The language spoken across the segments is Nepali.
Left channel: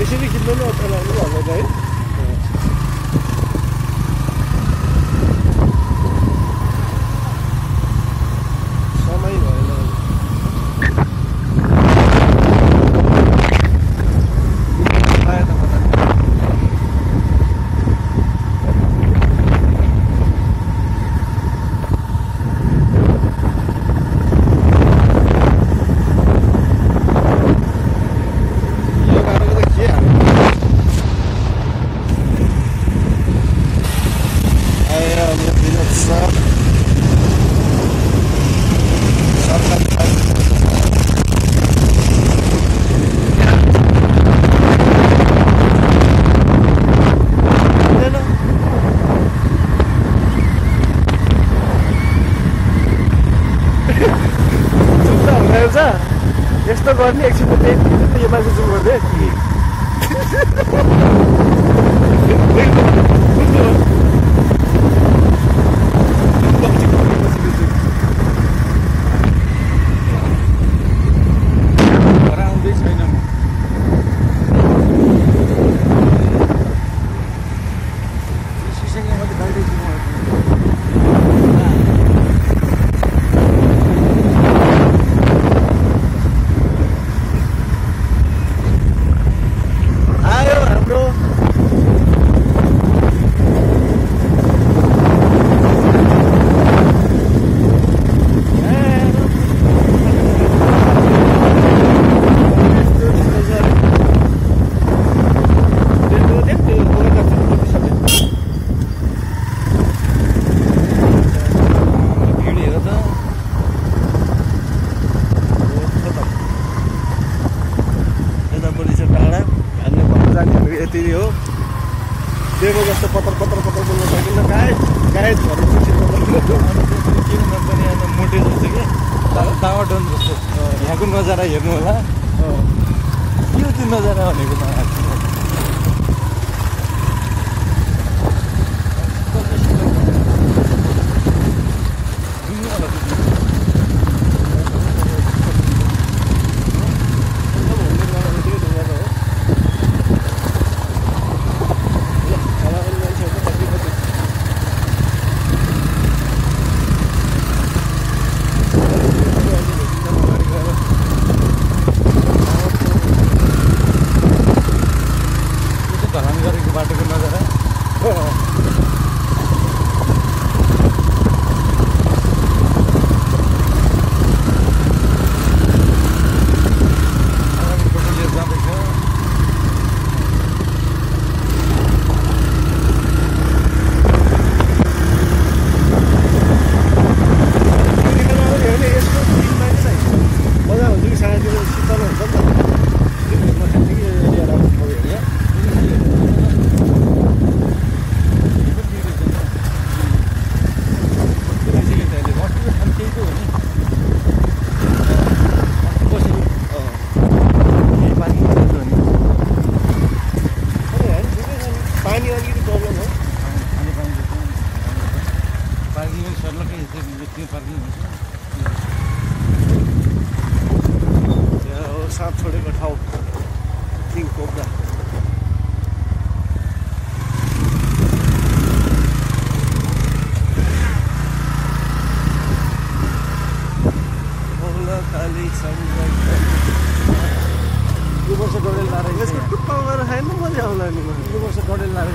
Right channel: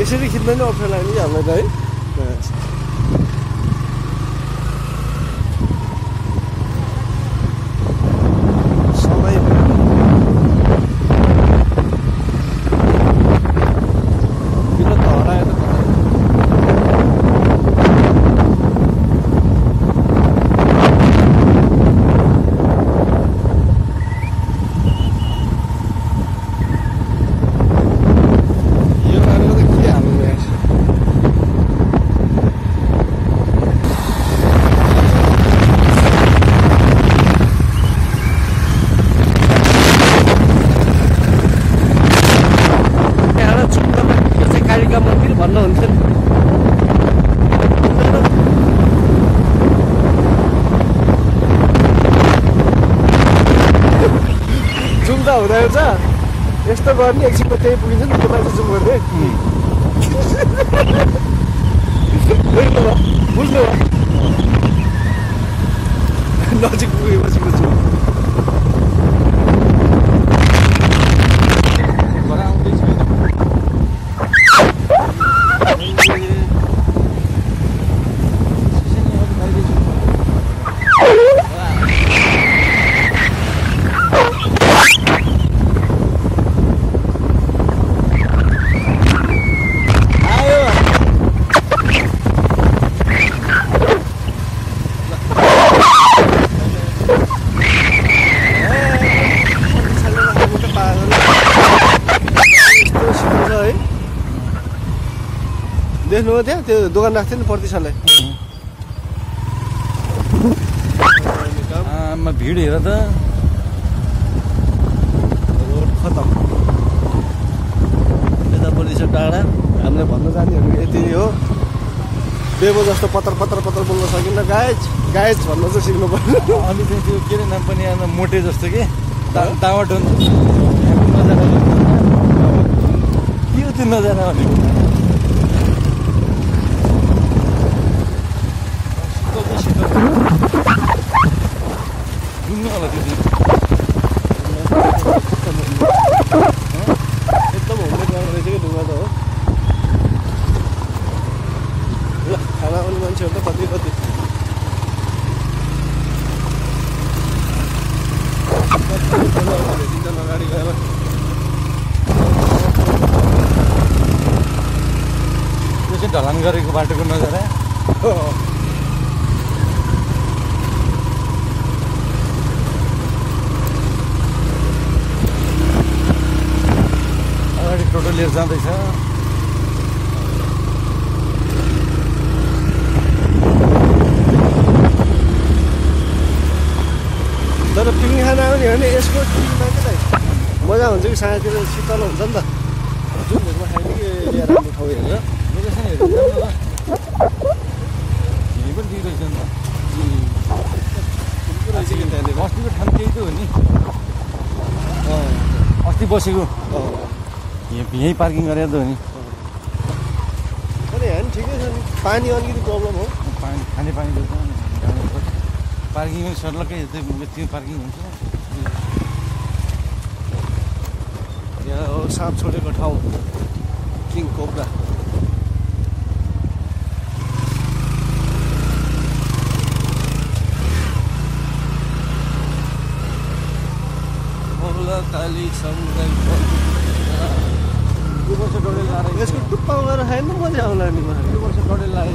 यसरी खिच्न नै अप्ठ्यारो लाग्यो कि हामीलाई है। यस्तो गर्ने एकछिनमा त्यही पुगिन्छ नि यो मान्छे जुम गर्दै बुझ्नु भयो नजिक पुगेपछि बुझ्नु घर आउँदै छैन भिड हेर त खतम यतापट्टि छ डाँडा हामीले भन्न जानेहरू यति हो बेबो जस्तो पत्र बोल्न सकिन्न गायज भन्न चाहिँ सिक्नु पर्यो अनि त्यो के नम्पनी आज मोटे जस्तो कि टामाटो यहाँको नजारा हेर्नु होला के हो त्यो नजारा भनेको बसेको यही पार्किङ गरेर त हो नि ठिकै छ पानी अलिकति प्रब्लम हो पानी पार्किङ सर्लकै त्यो पार्किङ हुन्छ साँप छोडेको ठाउँ किङ कोब्रा काली समुदाय यो वर्ष डडेल लाएर यसको टुप्पा गरेर खायो नि मजा आउला नि यो वर्ष डडेल लाएर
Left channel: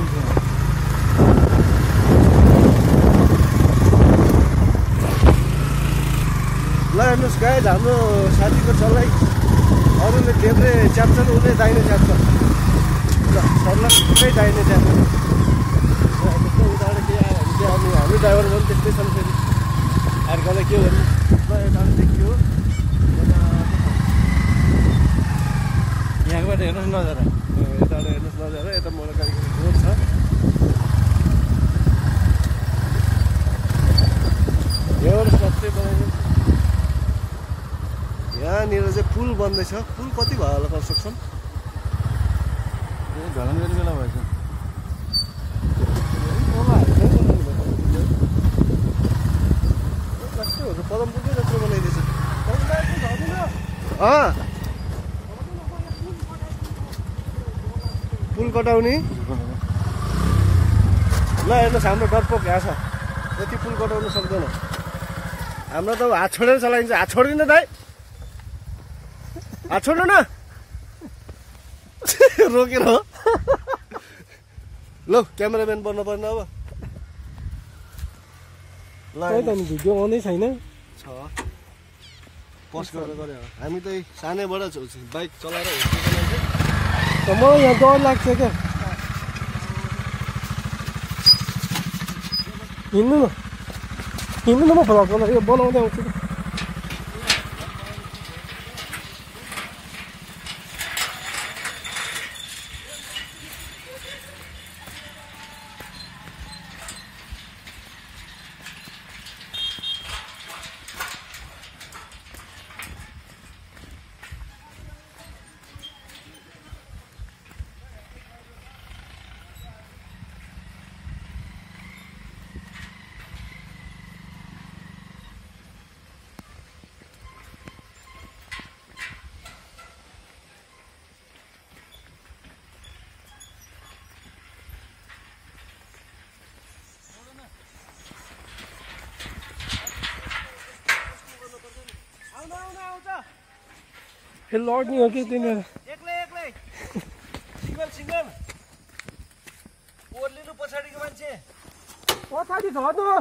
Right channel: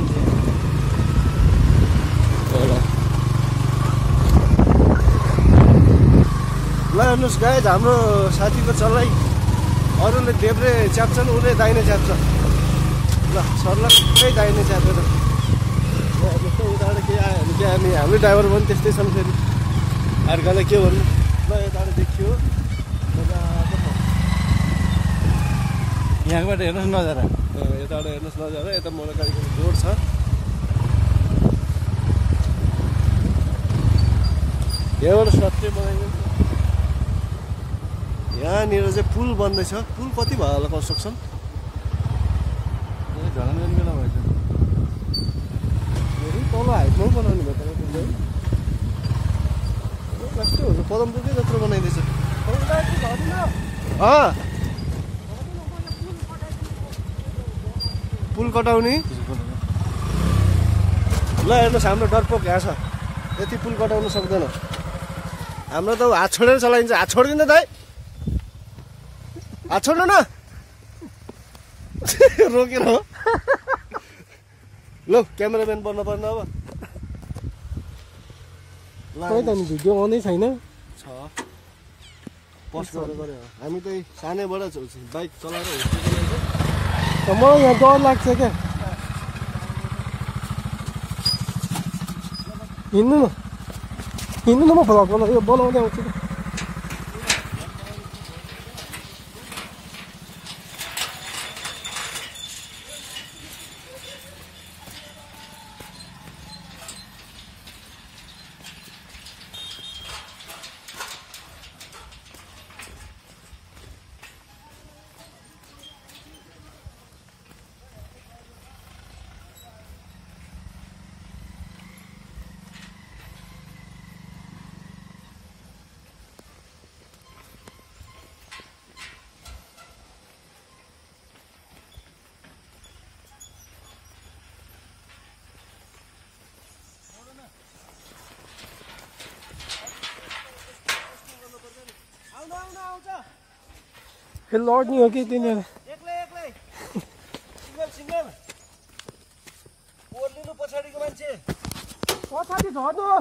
ल हेर्नुहोस् गाइज हाम्रो साथीको चलाइ अरूले देब्रे च्याप्छ नि उसले दाहिने च्याप्छ ल सर्ला त्यही दाहिने च्याप्छ जस्तो उताबाट के आयो भने हामी ड्राइभर पनि त्यस्तै छन् फेरि अर्कालाई के गर्नु ल यताबाट देखियो यहाँबाट हेर्नुहोस् नजारा यताबाट हेर्नुहोस् नजारा यता मोडकालीको रोड छ यहाँबाट सबै बनाएको यहाँनिर चाहिँ पुल बन्दैछ पुल कति भयो होला कन्स्ट्रक्सन घरमा गर्ने बेला भएछ तल हाल्छ बनाउनु भयो कस्तो कदम पुगै जस्तो बनाइदिएछ पुल कटाउने ल हेर्नुहोस् हाम्रो डरपोक यहाँ छ यति पुल कटाउनु सक्दैन हाम्रो त हात छोडेर चलाइन्छ हात छोड्दिन दाइ हात छोड्नु न रोकेर हो ल क्यामेराम्यान बन्न पर्ने अब खै त नि भिडियो आउँदै छैन छ पस्ट गरेर गरे हो हामी त सानैबाट बाइक चलाएर मलाई यहाँ डर लाग्छ क्या हिँड्नु न म भ्लग यो बनाउँदै आउँछु कि लड्ने हो कि तिनीहरू एक्लै सिंगल ओर्लिनु पछाडिको मान्छे पछाडि झर्नु